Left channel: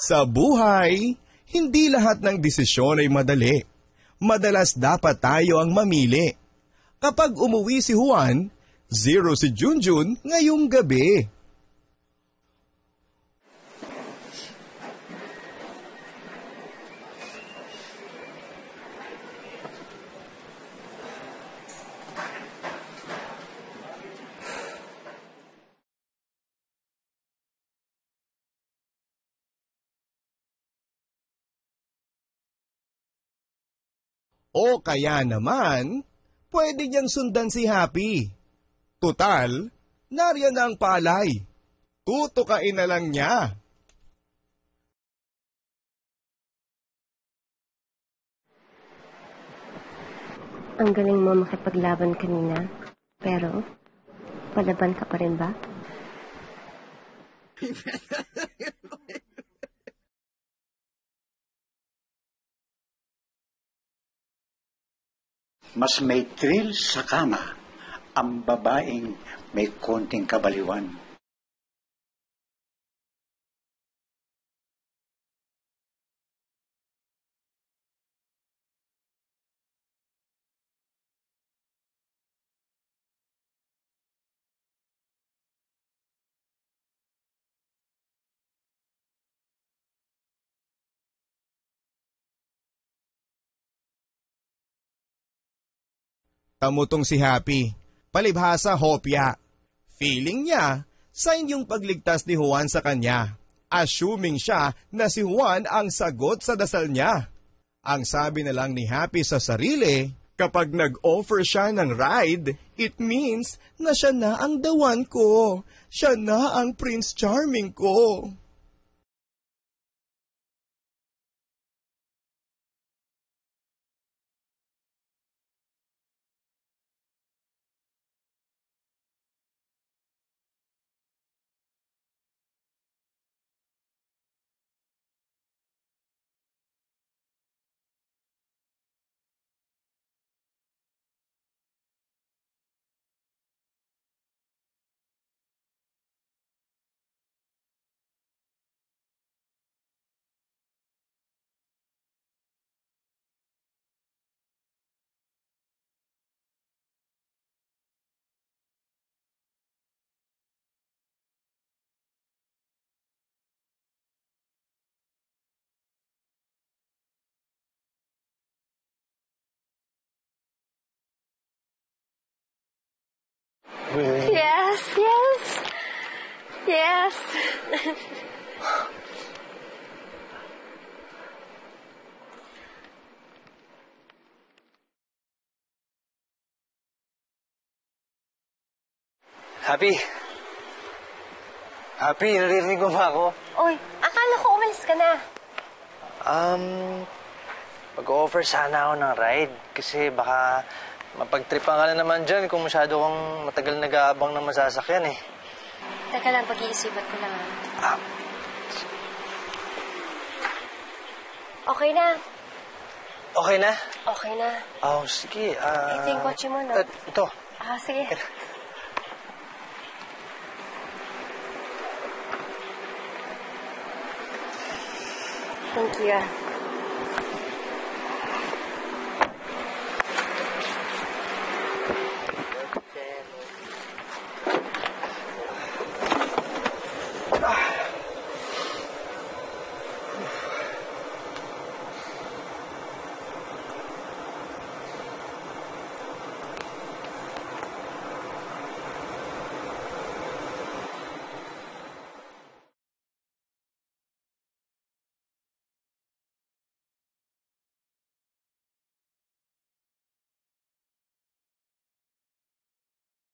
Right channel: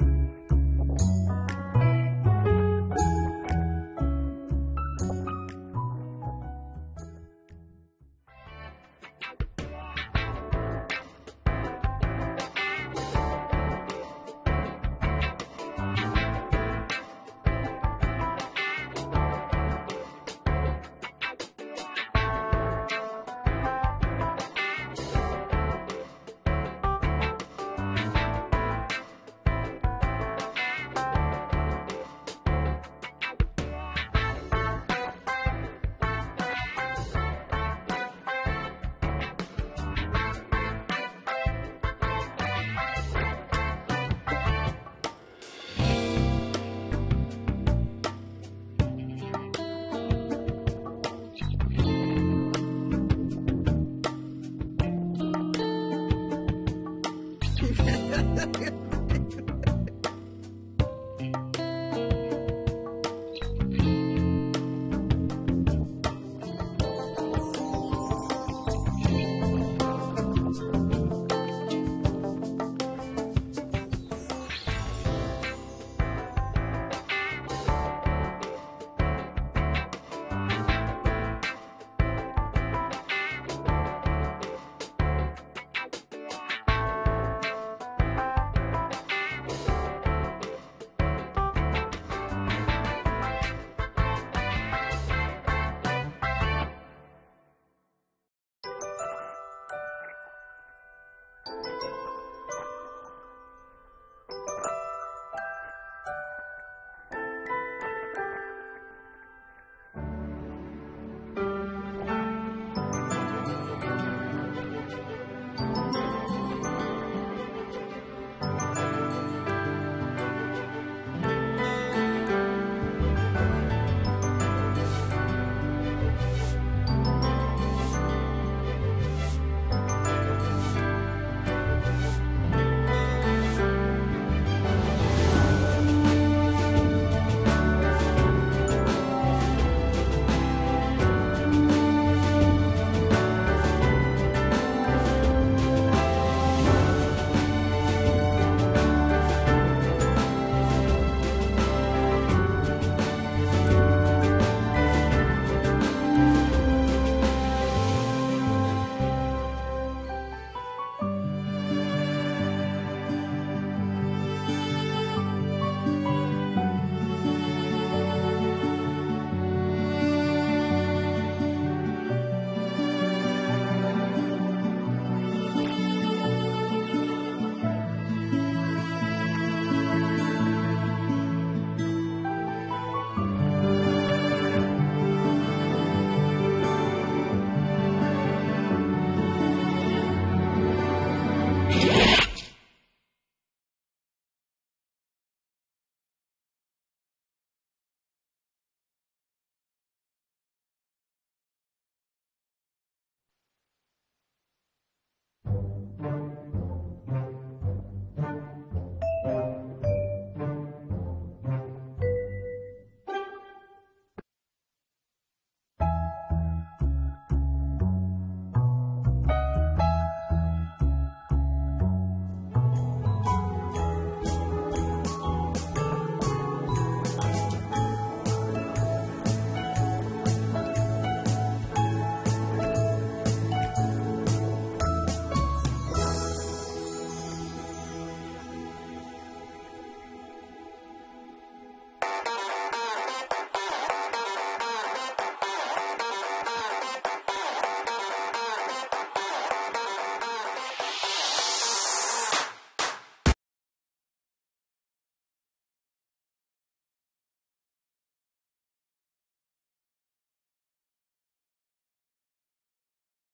Sa buhay, hindi lahat ng desisyon ay madali. Madalas dapat tayo ang mamili. Kapag umuwi si Juan, 0 si Junjun ngayong gabi. O kaya naman, pwede niyang sundan si Happy. Tutal, nariyan na ang palay. Tutukain na lang niya. Ang galing mo makipaglaban kanina. Pero, palaban ka pa rin ba? Mas may thrill sa kama ang babaeng may konting kabaliwan. Kamutong si Happy, palibhasa hopya. Feeling niya, sign yung pagligtas ni Juan sa kanya. Assuming siya na si Juan ang sagot sa dasal niya. Ang sabi na lang ni Happy sa sarili, kapag nag-offer siya ng ride, it means na siya na ang the one ko. Siya na ang Prince Charming ko. Yes, yes. Yes. Happy! Happy, naririnig mo ba ako? Oy, akala ko umalis ka na. Pag-offer sana ako ng ride kasi baka mapagtripan ka na naman dyan kung masyado kang matagal nag-aabang ng masasakyan eh. Teka lang, pag-iisipan ko lang. Okay na. Okay na? Okay na. Oh, sige. Ito yung kotse mo, no? Ito. Sige. Thank you.